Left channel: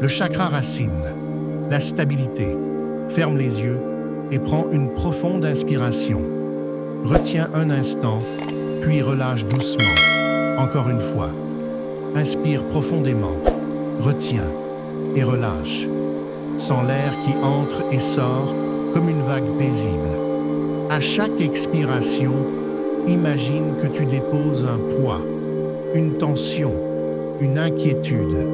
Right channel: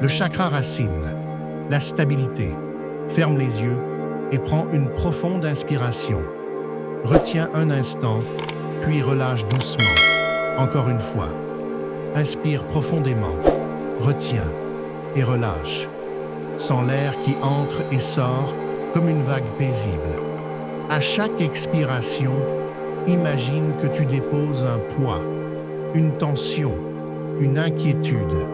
Le chakra racine, la stabilité. Ferme les yeux et prends une profonde inspiration. Retiens un instant, puis relâche doucement. Encore une fois. Inspire profondément, retiens et relâche. Sens l'air qui entre et sort comme une vague paisible. À chaque expiration, imagine que tu déposes un poids, une tension, une inquiétude.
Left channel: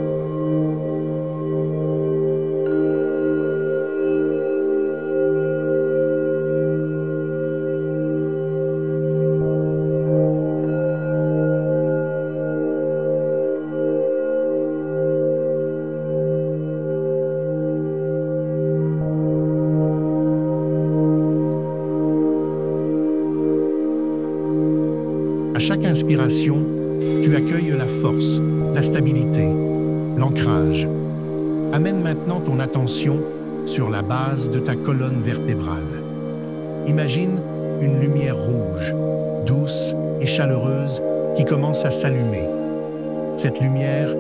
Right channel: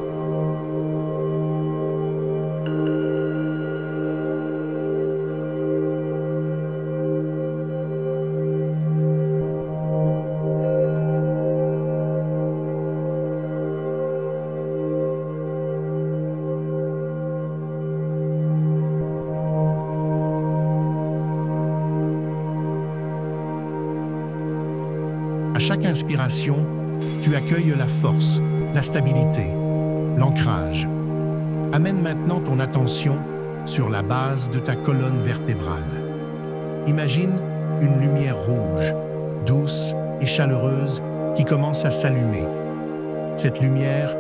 À chaque inspiration, tu accueilles la force, la stabilité, l'ancrage. Amène maintenant ton attention sur la base de ta colonne vertébrale. Imagine une lumière rouge, douce et chaleureuse qui commence à s'allumer. Cette lumière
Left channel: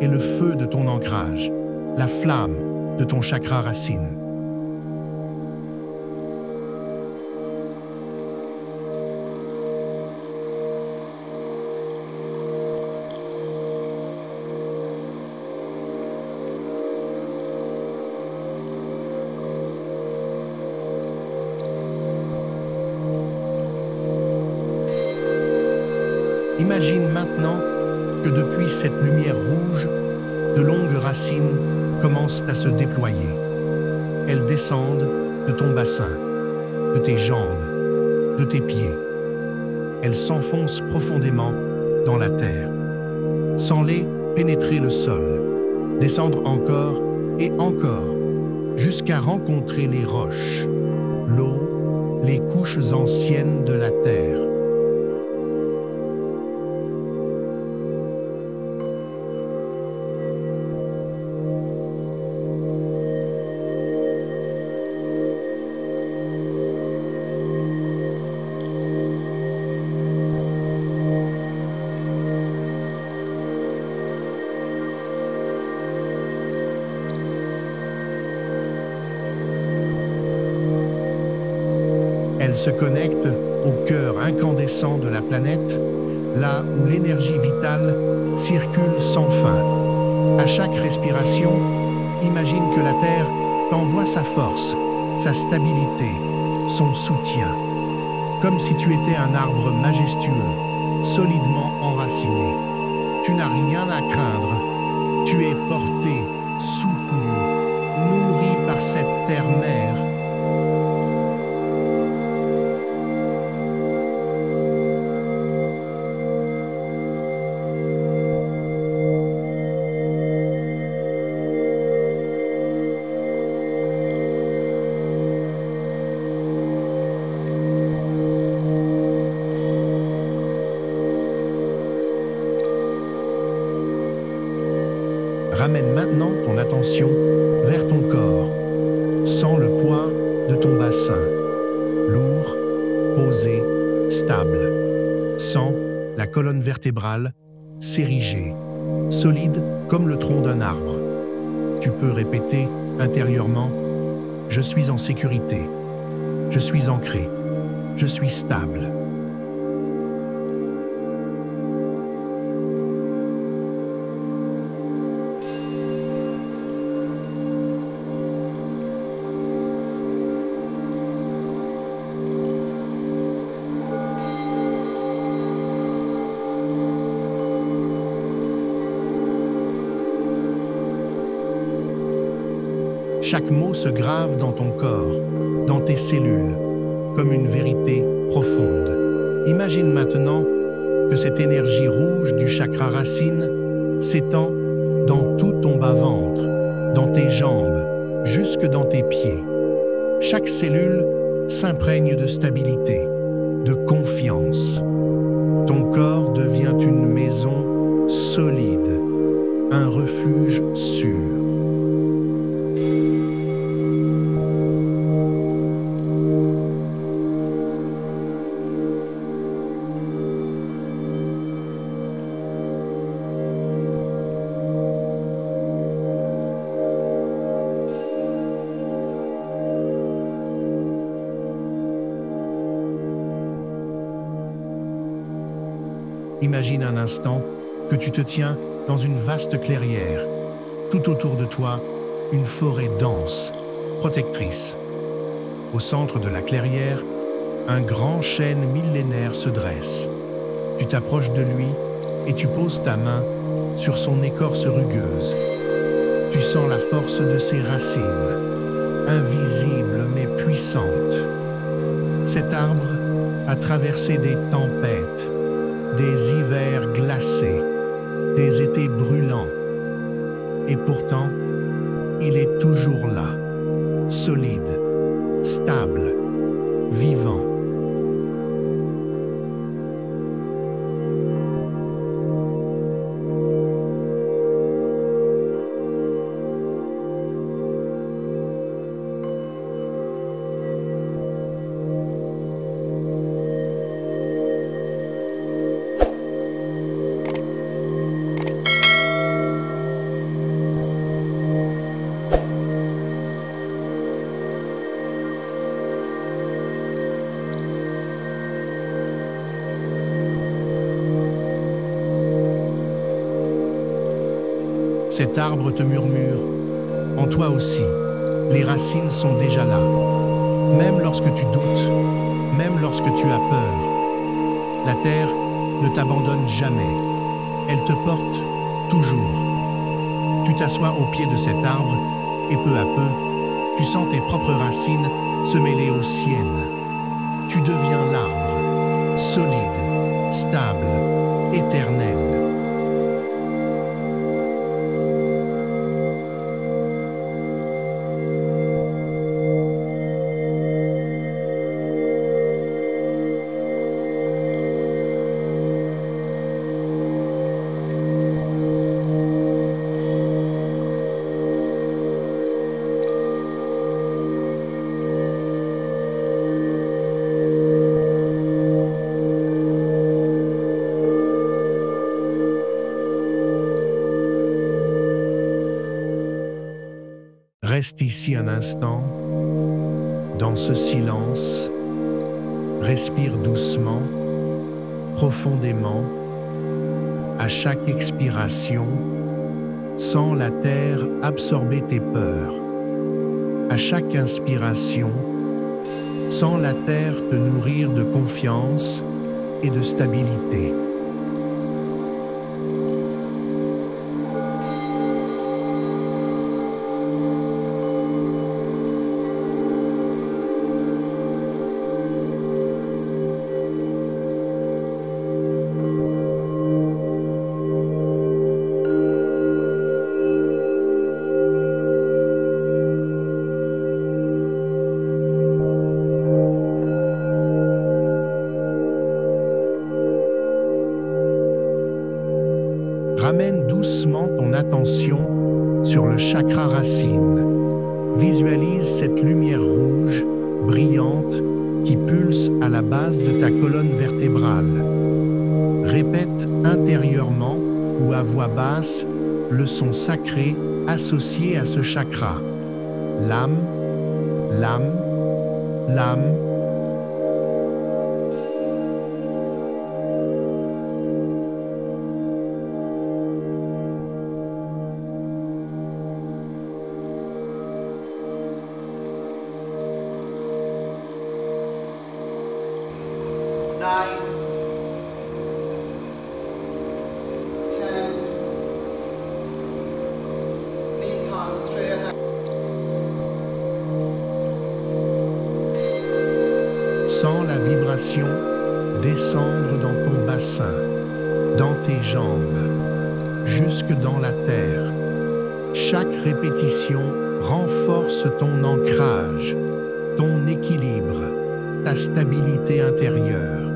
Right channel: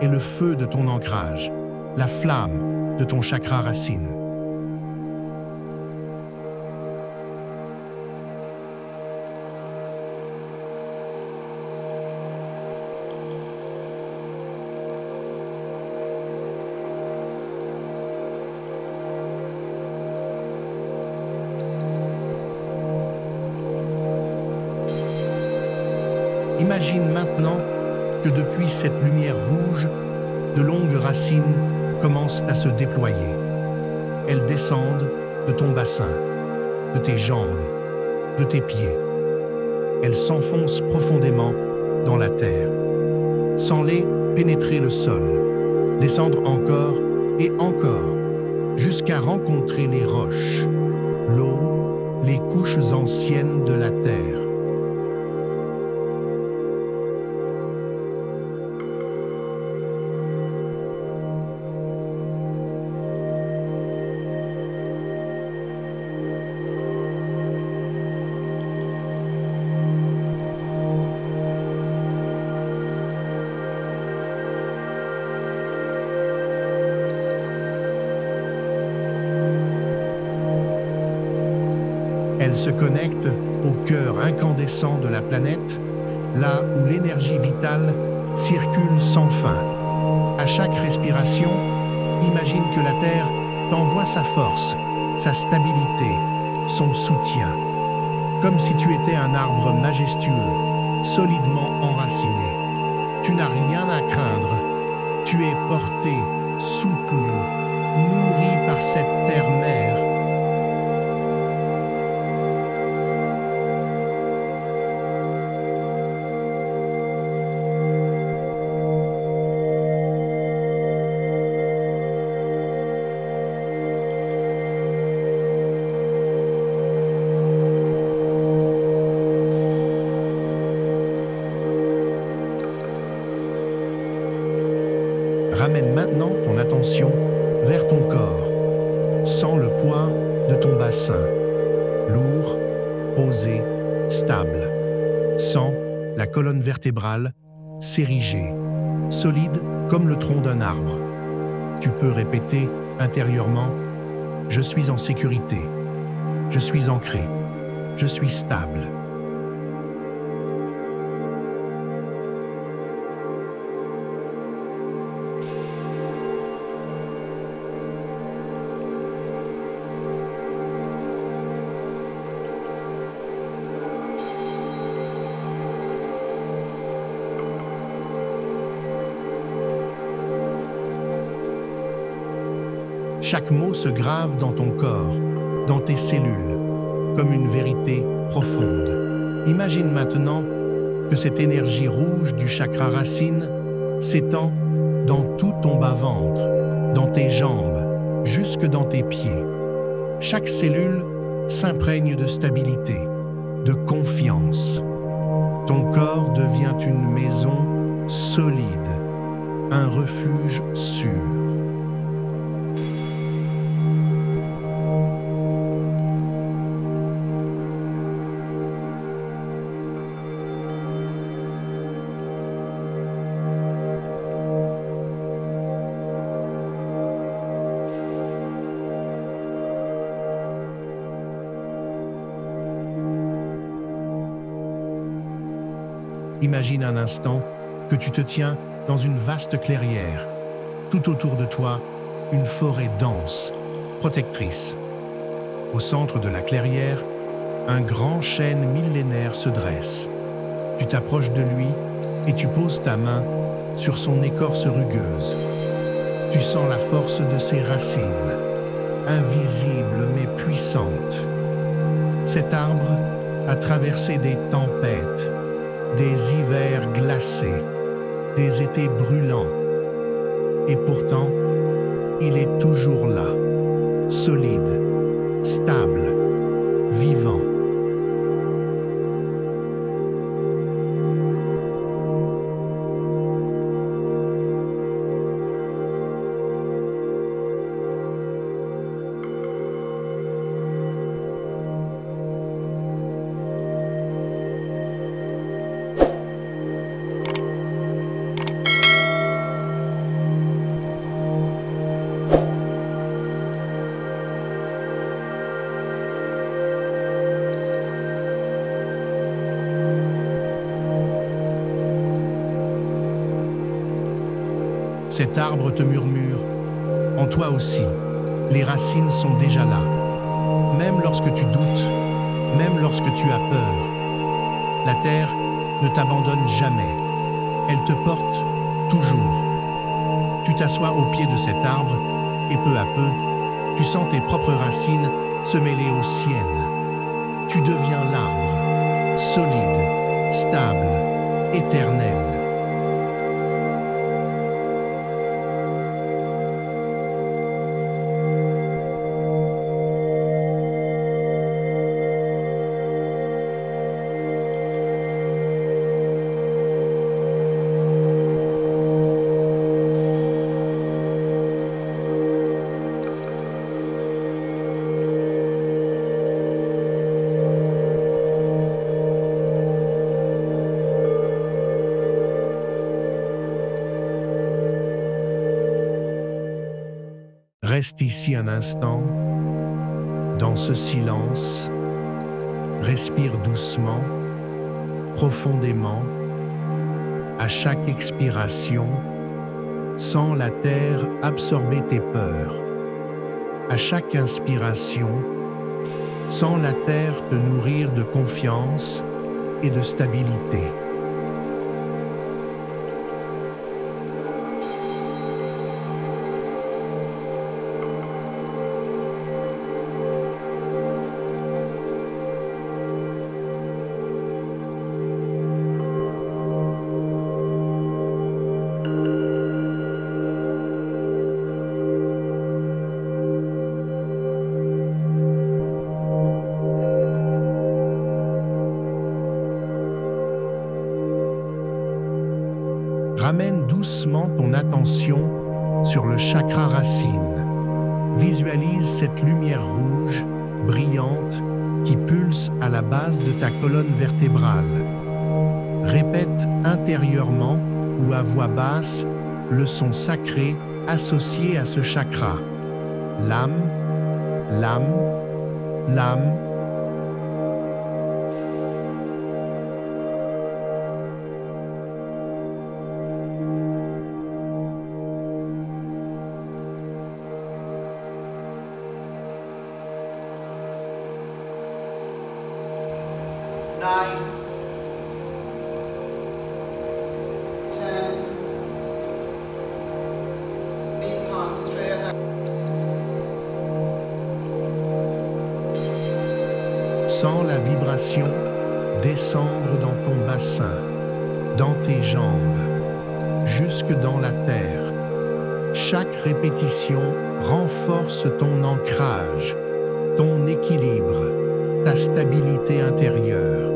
est le feu de ton ancrage, la flamme de ton chakra racine. Imagine maintenant que depuis cette lumière rouge, de longues racines commencent à se déployer. Elles descendent de ton bassin, de tes jambes, de tes pieds. Elles s'enfoncent profondément dans la terre. Sens-les pénétrer le sol, descendre encore et encore, jusqu'à rencontrer les roches, l'eau, les couches anciennes de la terre. Elle se connecte au cœur incandescent de la planète, là où l'énergie vitale circule sans fin. À chaque respiration, imagine que la Terre t'envoie sa force, sa stabilité, son soutien. Comme si tu étais un arbre majestueux, solidement enraciné. Tu n'as rien à craindre. Tu es porté, soutenu, nourri par cette terre-mère. Ramène maintenant ton attention vers ton corps. Sens le poids de ton bassin, lourd, posé, stable. Sens la colonne vertébrale s'ériger, solide comme le tronc d'un arbre. Tu peux répéter intérieurement « Je suis en sécurité, je suis ancré, je suis stable ». Chaque mot se grave dans ton corps, dans tes cellules, comme une vérité profonde. Imagine maintenant que cette énergie rouge du chakra racine s'étend dans tout ton bas-ventre, dans tes jambes, jusque dans tes pieds. Chaque cellule s'imprègne de stabilité, de confiance. Ton corps devient une maison solide, un refuge sûr. Imagine un instant que tu te tiens dans une vaste clairière. Tout autour de toi, une forêt dense, protectrice. Au centre de la clairière, un grand chêne millénaire se dresse. Tu t'approches de lui et tu poses ta main sur son écorce rugueuse. Tu sens la force de ses racines, invisible mais puissante. Cet arbre a traversé des tempêtes, des hivers glacés, des étés brûlants. Et pourtant, il est toujours là, solide, stable, vivant. Cet arbre te murmure, en toi aussi, les racines sont déjà là. Même lorsque tu doutes, même lorsque tu as peur, la terre ne t'abandonne jamais. Elle te porte toujours. Tu t'assois au pied de cet arbre et peu à peu, tu sens tes propres racines se mêler aux siennes. Tu deviens l'arbre, solide, stable, éternel. Reste ici un instant, dans ce silence, respire doucement, profondément. À chaque expiration, sens la terre absorber tes peurs. À chaque inspiration, sens la terre te nourrir de confiance et de stabilité. Ramène doucement ton attention sur le chakra racine. Visualise cette lumière rouge, brillante, qui pulse à la base de ta colonne vertébrale. Répète intérieurement ou à voix basse le son sacré associé à ce chakra. L'âme, l'âme, l'âme. Nine, 10, knee palms straight ahead. Sens la vibration descendre dans ton bassin, dans tes jambes, jusque dans la terre. Chaque répétition renforce ton ancrage, ton équilibre, ta stabilité intérieure.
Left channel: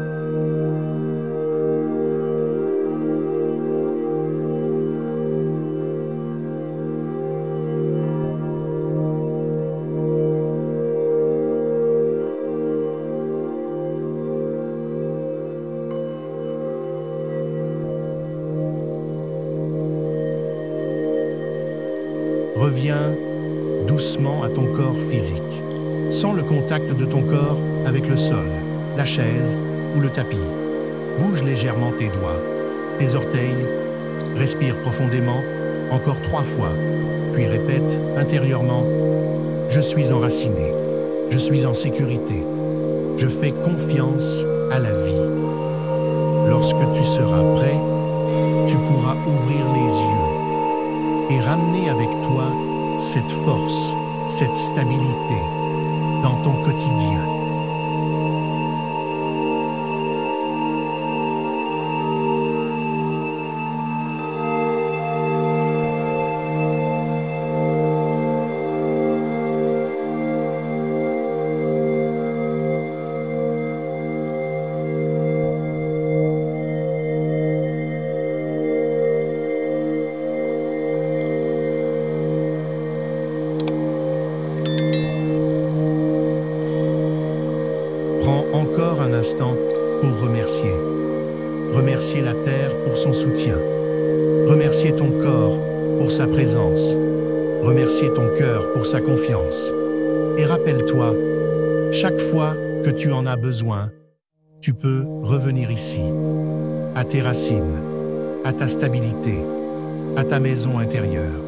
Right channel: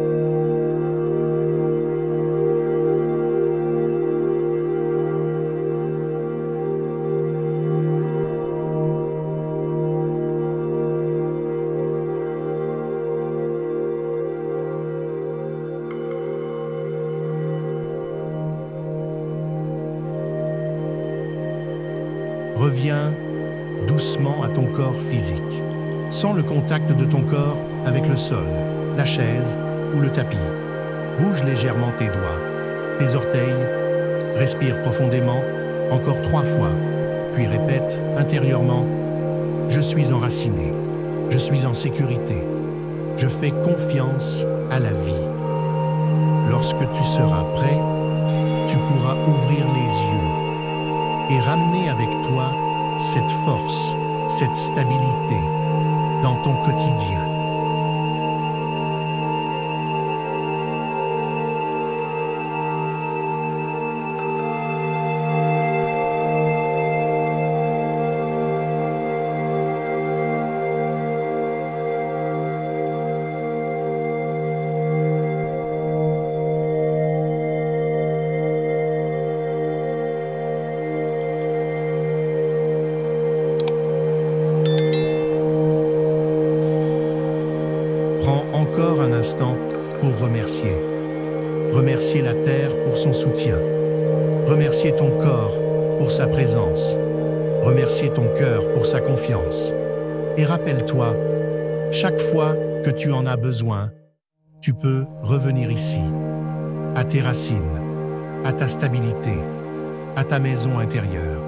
Reviens doucement à ton corps physique. Sens le contact de ton corps avec le sol, la chaise ou le tapis. Bouge légèrement tes doigts. tes orteils, respire profondément, encore 3 fois, puis répète intérieurement « Je suis enraciné, je suis en sécurité, je fais confiance à la vie ». Lorsque tu seras prêt, tu pourras ouvrir les yeux et ramener avec toi cette force, cette stabilité dans ton quotidien. Prends encore un instant pour remercier. Remercier la Terre pour son soutien. Remercier ton corps pour sa présence. Remercier ton cœur pour sa confiance. Et rappelle-toi, chaque fois que tu en as besoin, tu peux revenir ici, à tes racines, à ta stabilité, à ta maison intérieure.